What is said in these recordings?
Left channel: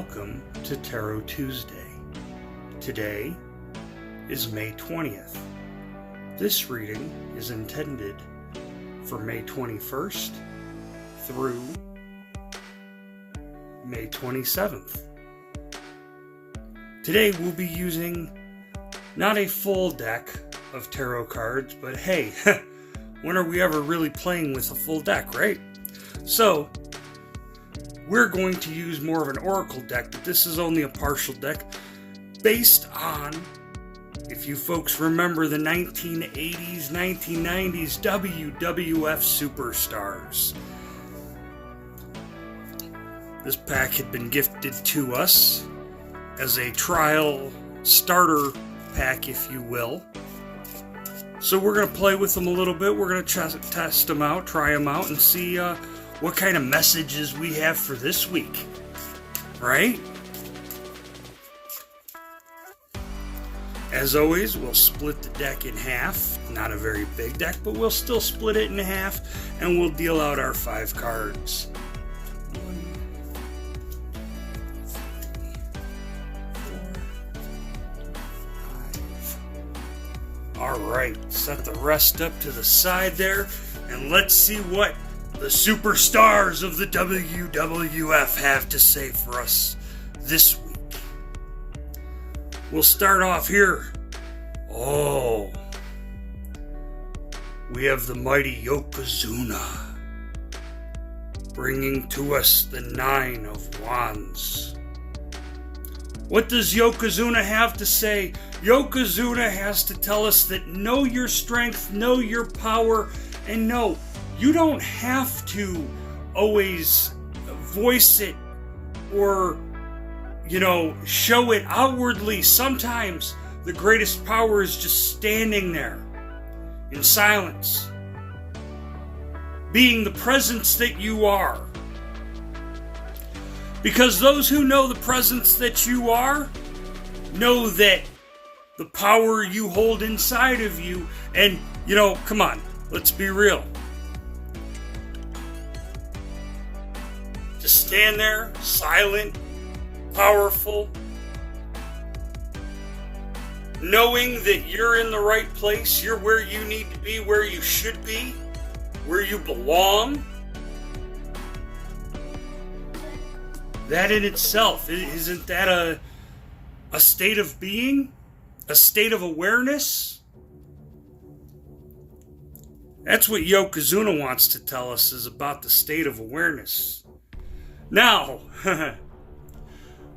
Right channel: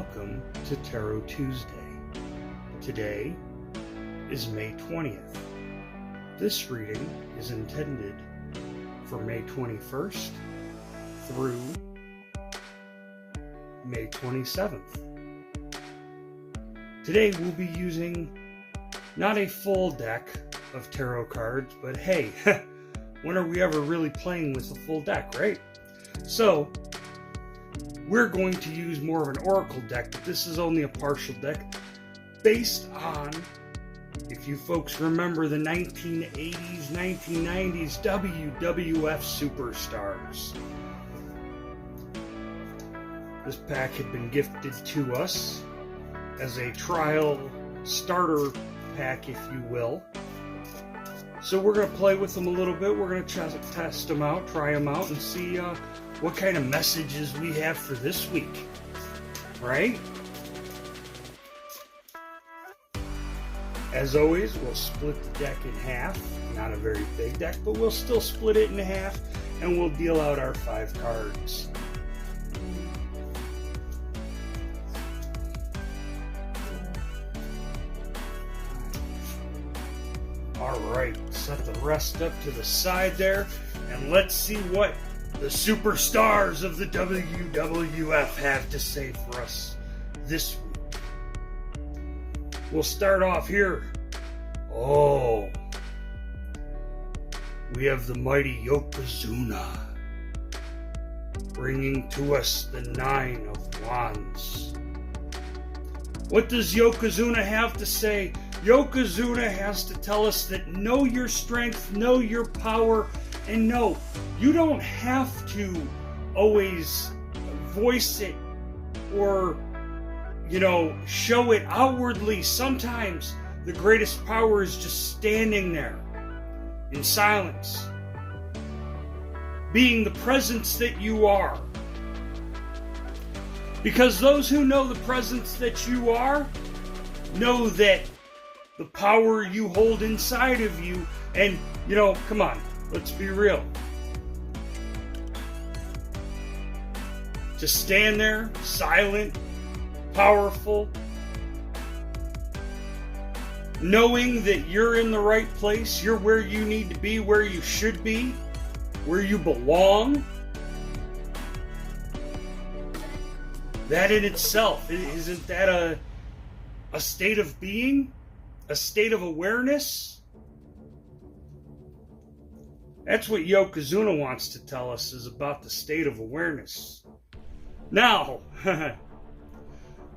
welcome to Tarot Tuesday. Today is May 20th. This reading is intended for May 21st through May 27th. Today we'll be using not a full deck of tarot cards, but hey, when are we ever really playing with a full deck, right? So, we're going to use more of an oracle deck, but this is only a partial deck based on, if you folks remember, the 1980s, 1990s WWF superstars. This pack had been gifted to us as a trial starter pack, if you will. So we're going to play with them a little bit. We're going to test them out, try them out, and see what kind of messages we have for this week, right? As always, we'll split the deck in half. Not a very big deck, but we'll still split it in half, and we'll deal out our 5 cards. Alright, set the rest up to the side there, and let's see what the superstars of the WWF have to say for us this week. We'll start off here. Oh, we have the mighty Yokozuna bringing to us the 9 of Wands. What does Yokozuna have to say? Yokozuna has to tell us that know your strength, know your power, and no, you don't have to always voice it or, show it outwardly. Sometimes the greatest power is just standing there in silence, being the presence that you are. Because those who know the presence that you are know that the power you hold inside of you, and, come on, let's be real. Just stand there, silent, powerful, knowing that you're in the right place, you're where you need to be, where you should be, where you belong. That in itself, isn't that a state of being? A state of awareness? That's what Yokozuna wants to tell us, is about the state of awareness. Now,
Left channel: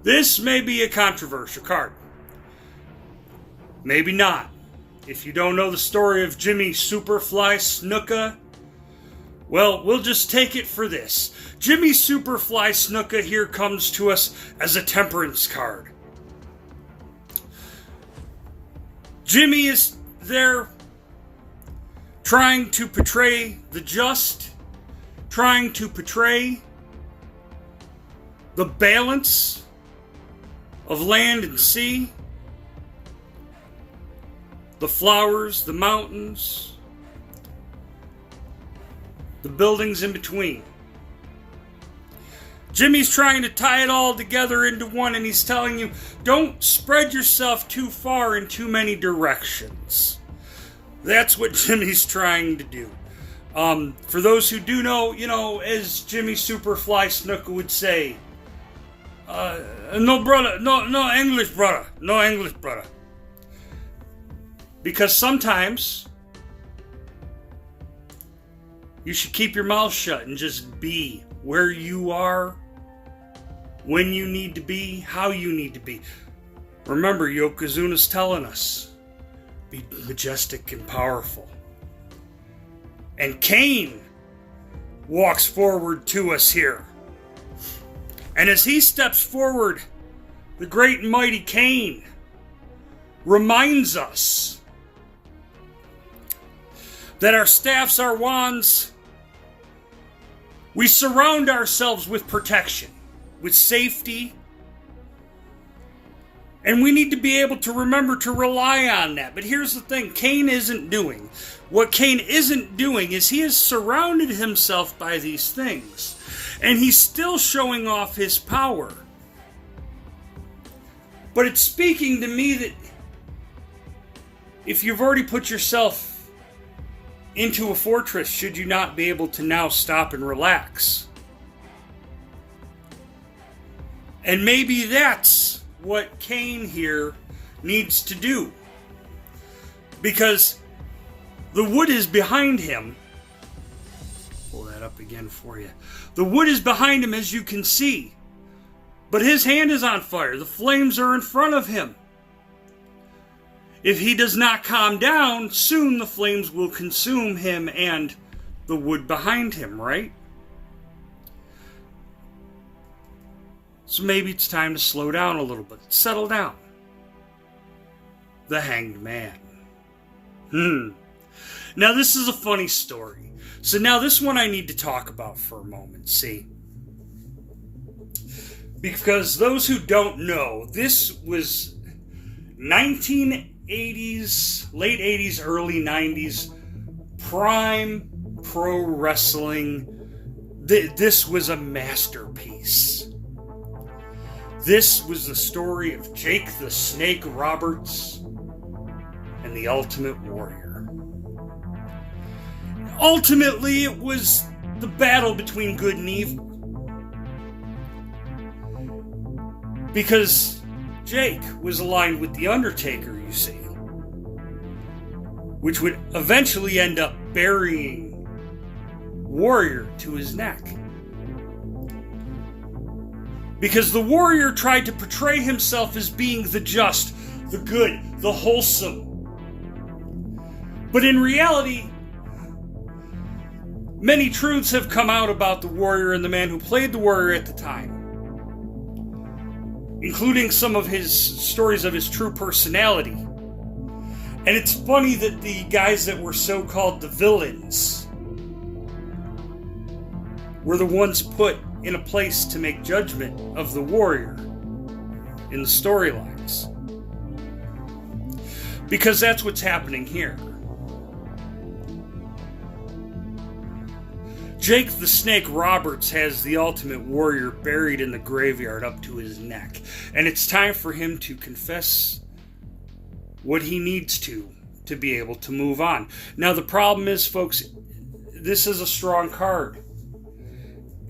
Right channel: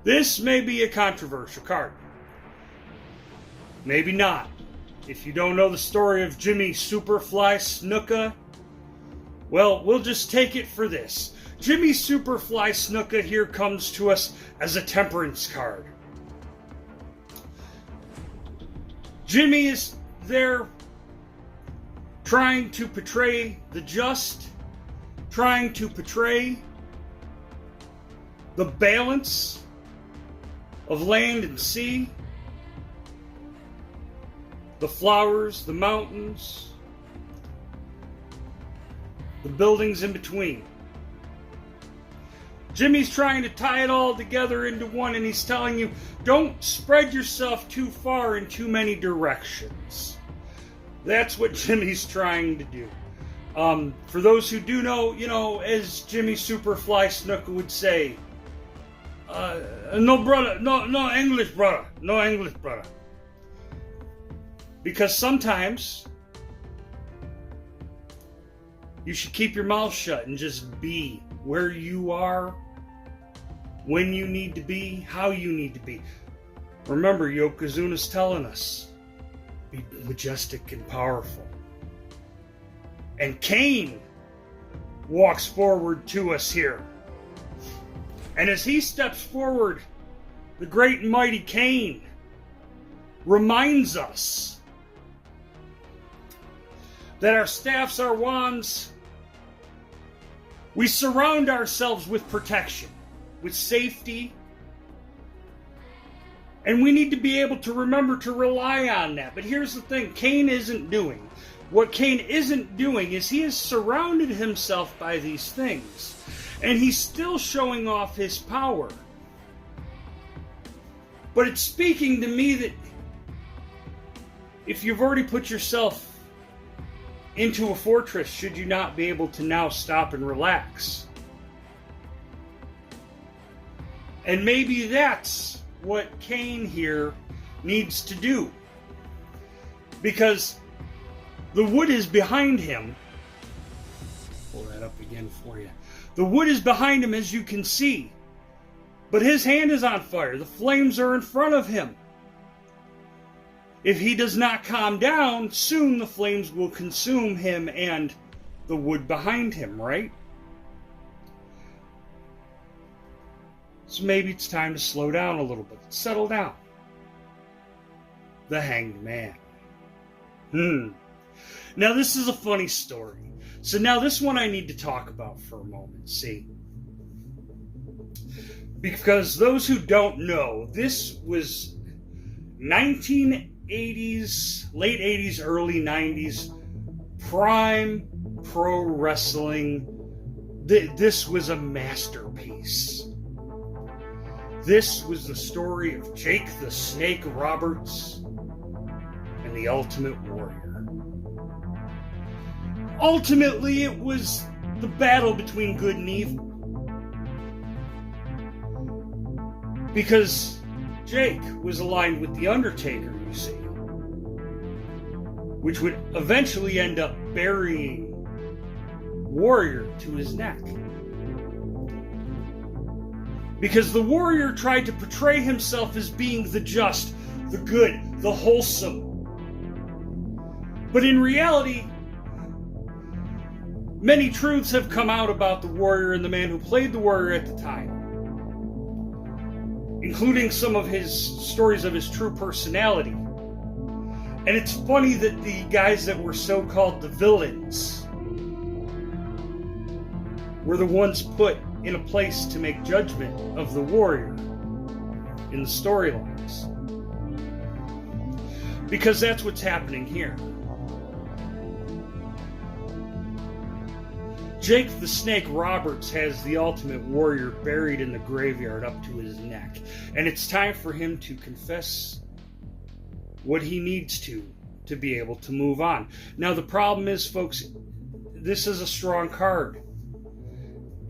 this may be a controversial card. Maybe not. If you don't know the story of Jimmy Superfly Snuka, well, we'll just take it for this. Jimmy Superfly Snuka here comes to us as a temperance card. Jimmy is there trying to portray the just, trying to portray the balance of land and sea, the flowers, the mountains, the buildings in between. Jimmy's trying to tie it all together into one, and he's telling you, don't spread yourself too far in too many directions. That's what Jimmy's trying to do. For those who do know, as Jimmy Superfly Snuka would say, no brother, no English brother, no English brother. Because sometimes you should keep your mouth shut and just be where you are, when you need to be, how you need to be. Remember, Yokozuna's telling us, be majestic and powerful. And Cain walks forward to us here. And as he steps forward, the great and mighty Cain reminds us that our staffs, our wands, we surround ourselves with protection, with safety, and we need to be able to remember to rely on that. But here's the thing, Cain isn't doing. What Cain isn't doing is he has surrounded himself by these things, and he's still showing off his power. But it's speaking to me that if you've already put yourself into a fortress, should you not be able to now stop and relax? And maybe that's what Cain here needs to do. Because the wood is behind him. Pull that up again for you. The wood is behind him, as you can see. But his hand is on fire. The flames are in front of him. If he does not calm down, soon the flames will consume him and the wood behind him, right? So maybe it's time to slow down a little bit. Settle down. The Hanged Man. Now this is a funny story. So now this one I need to talk about for a moment, see? Because those who don't know, this was 1980s, late 80s, early 90s, prime pro wrestling. This was a masterpiece. This was the story of Jake the Snake Roberts and the Ultimate Warrior. Ultimately, it was the battle between good and evil. Because Jake was aligned with The Undertaker, you see. Which would eventually end up burying Warrior to his neck. Because the Warrior tried to portray himself as being the just, the good, the wholesome. But in reality, many truths have come out about the Warrior and the man who played the Warrior at the time. Including some of his stories of his true personality. And it's funny that the guys that were so-called the villains were the ones put in a place to make judgment of the Warrior in the storylines. Because that's what's happening here. Jake the Snake Roberts has the Ultimate Warrior buried in the graveyard up to his neck. And it's time for him to confess what he needs to be able to move on. Now the problem is, folks, this is a strong card.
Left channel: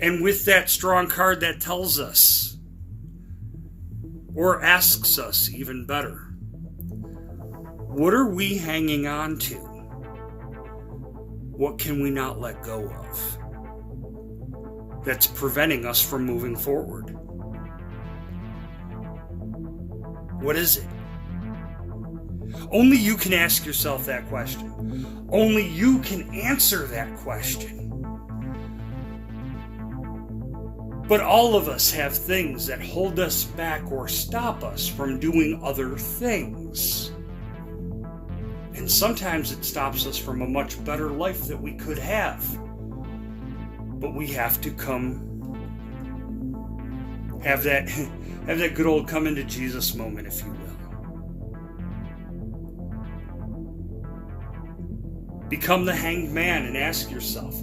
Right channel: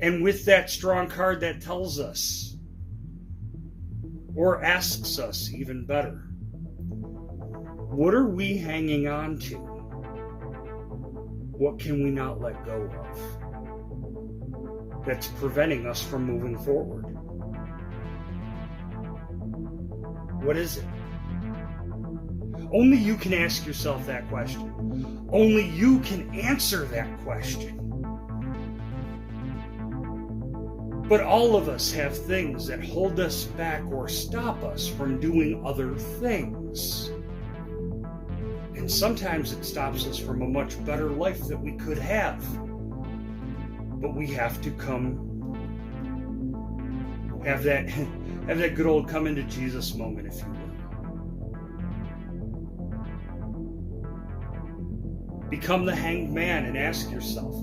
And with that strong card, that tells us, or asks us even better, what are we hanging on to? What can we not let go of that's preventing us from moving forward? What is it? Only you can ask yourself that question. Only you can answer that question. But all of us have things that hold us back or stop us from doing other things. And sometimes it stops us from a much better life that we could have. But we have to have that good old come into Jesus moment, if you will. Become the hanged man and ask yourself,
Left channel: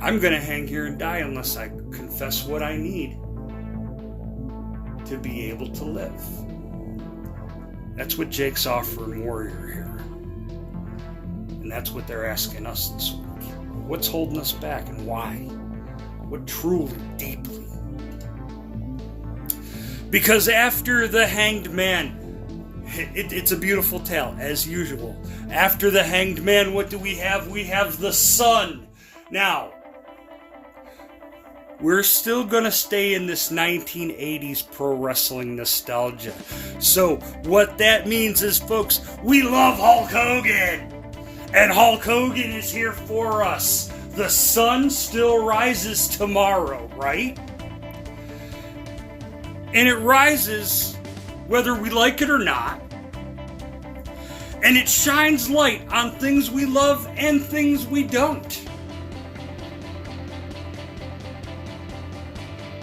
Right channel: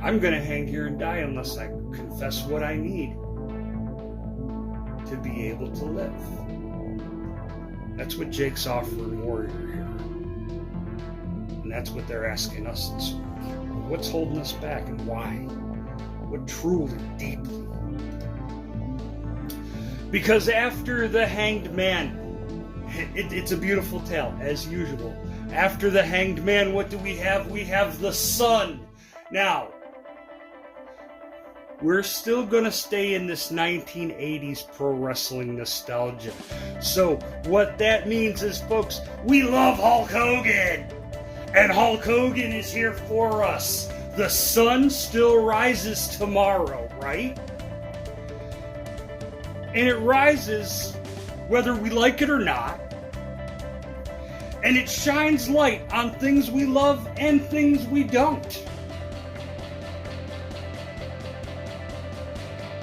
I'm going to hang here and die unless I confess what I need to be able to live. That's what Jake's offering Warrior here. And that's what they're asking us this week. What's holding us back and why? What truly, deeply? Because after the hanged man, it's a beautiful tale, as usual. After the hanged man, what do we have? We have the sun. Now, we're still going to stay in this 1980s pro wrestling nostalgia. So, what that means is, folks, we love Hulk Hogan. And Hulk Hogan is here for us. The sun still rises tomorrow, right? And it rises whether we like it or not. And it shines light on things we love and things we don't.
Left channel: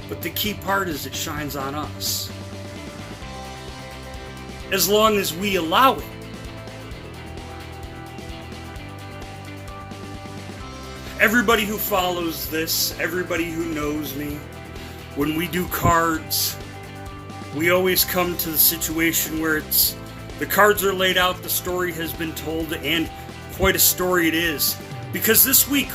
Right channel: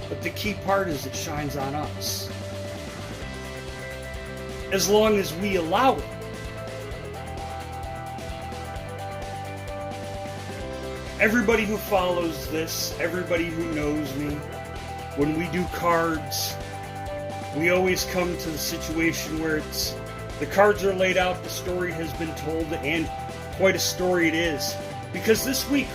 But the key part is it shines on us. As long as we allow it. Everybody who follows this, everybody who knows me, when we do cards, we always come to the situation where the cards are laid out, the story has been told, and quite a story it is. Because this week,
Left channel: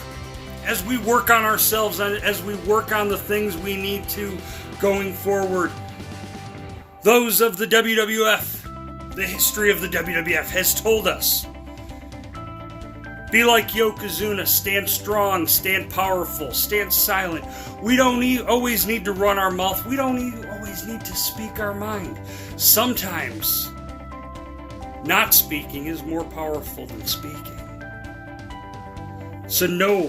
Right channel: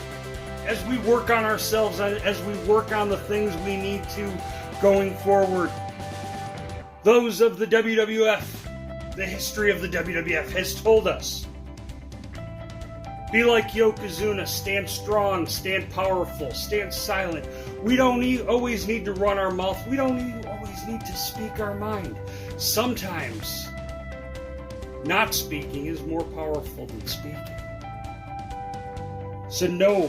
as we work on ourselves, as we work on the things we need to going forward, those of the WWF, the history of the WWF has told us, be like Yokozuna, stand strong, stand powerful, stand silent. We don't always need to run our mouth. We don't always need to speak our mind. Sometimes, not speaking is more powerful than speaking. So know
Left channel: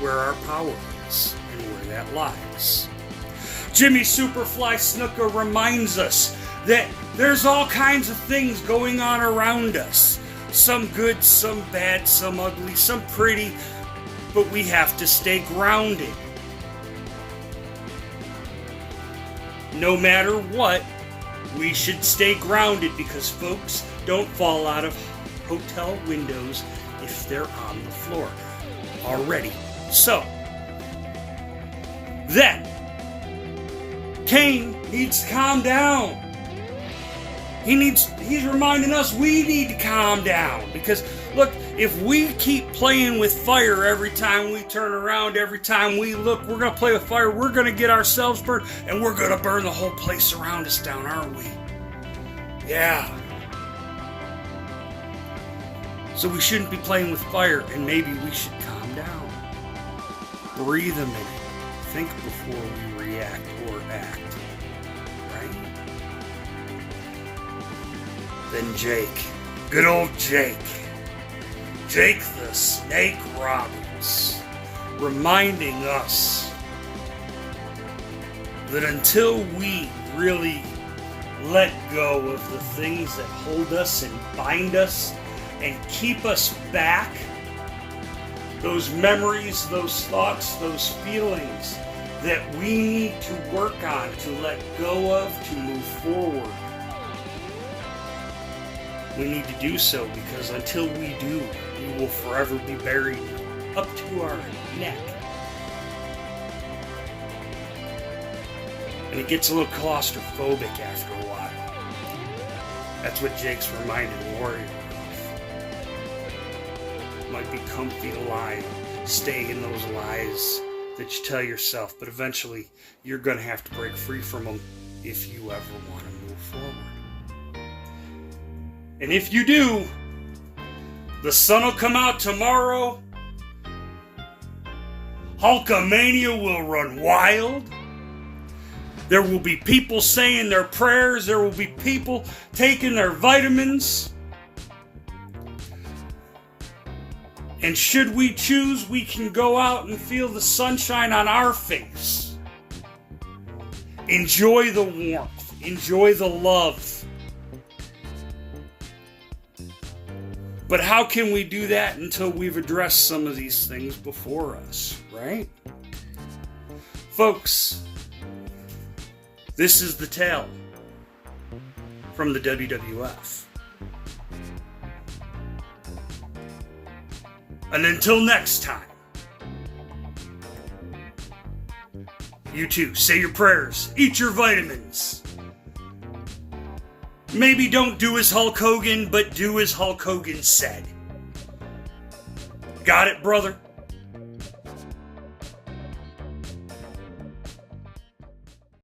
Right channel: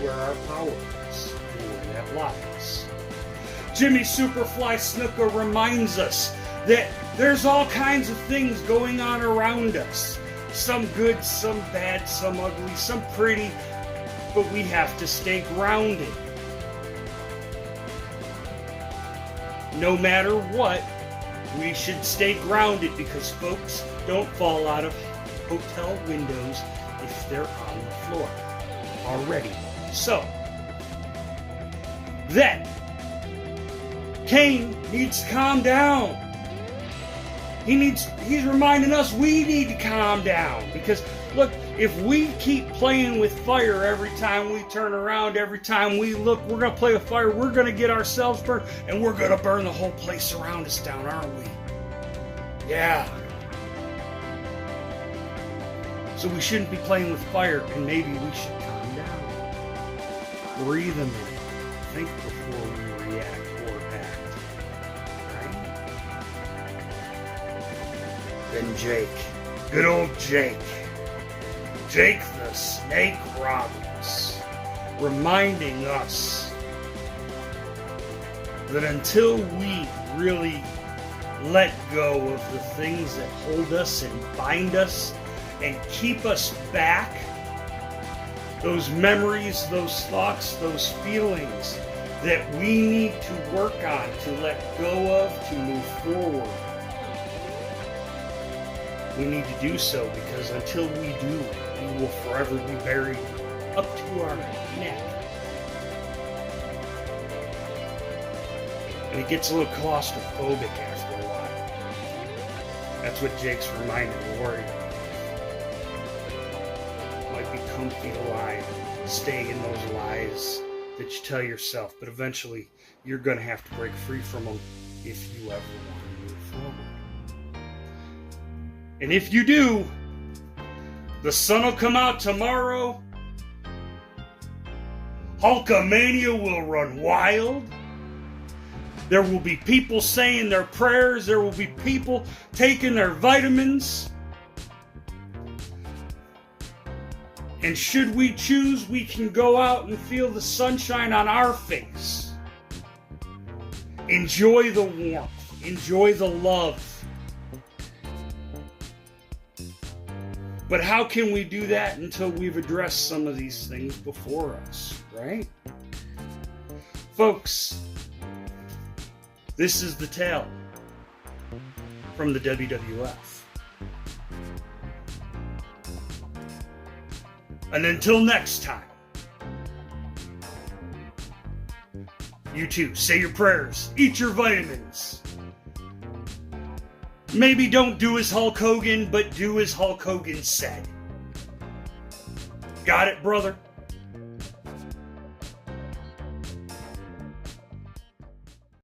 where our power is and where that lies. Jimmy Superfly Snuka reminds us that there's all kinds of things going on around us. Some good, some bad, some ugly, some pretty, but we have to stay grounded. No matter what, we should stay grounded because folks don't fall out of hotel windows if they're on the floor already. So, then, Kane needs to calm down. He's reminding us we need to calm down. Because, look, if we keep playing with fire every time we turn around, every time we look, we're going to play with fire, we're going to get ourselves burned, and we're going to burn the whole place around us down, aren't we? Yeah. So we shouldn't be playing with fire, and maybe we should calm down. Breathe a minute. Think before we react or act. Then Jake, good old Jake the Snake Roberts, reminding us that until we really let go of the things that hold us and bind us and keep us back, those memories, those thoughts, those feelings that we need to work on, to let go of, to move forward. We need to do so because until we do, we will forever be buried up to our neck. And it gets a little claustrophobic after a while. That's what Jake's reminding Lori of. Might be comfy to lie, stay in those lies that you tell yourself, but eventually you're going to have to break free from them if you ever want to move forward. And if you do, the sun will come out tomorrow. Hulkamania will run wild. There will be people saying their prayers. There will be people taking their vitamins. And should we choose, we can go out and feel the sunshine on our face. Enjoy the warmth. Enjoy the love. But how can we do that until we've addressed some of these things before us, right? Folks, this is the tale from the WWF. And until next time, you too, say your prayers, eat your vitamins. Maybe don't do as Hulk Hogan, but do as Hulk Hogan said. Got it, brother?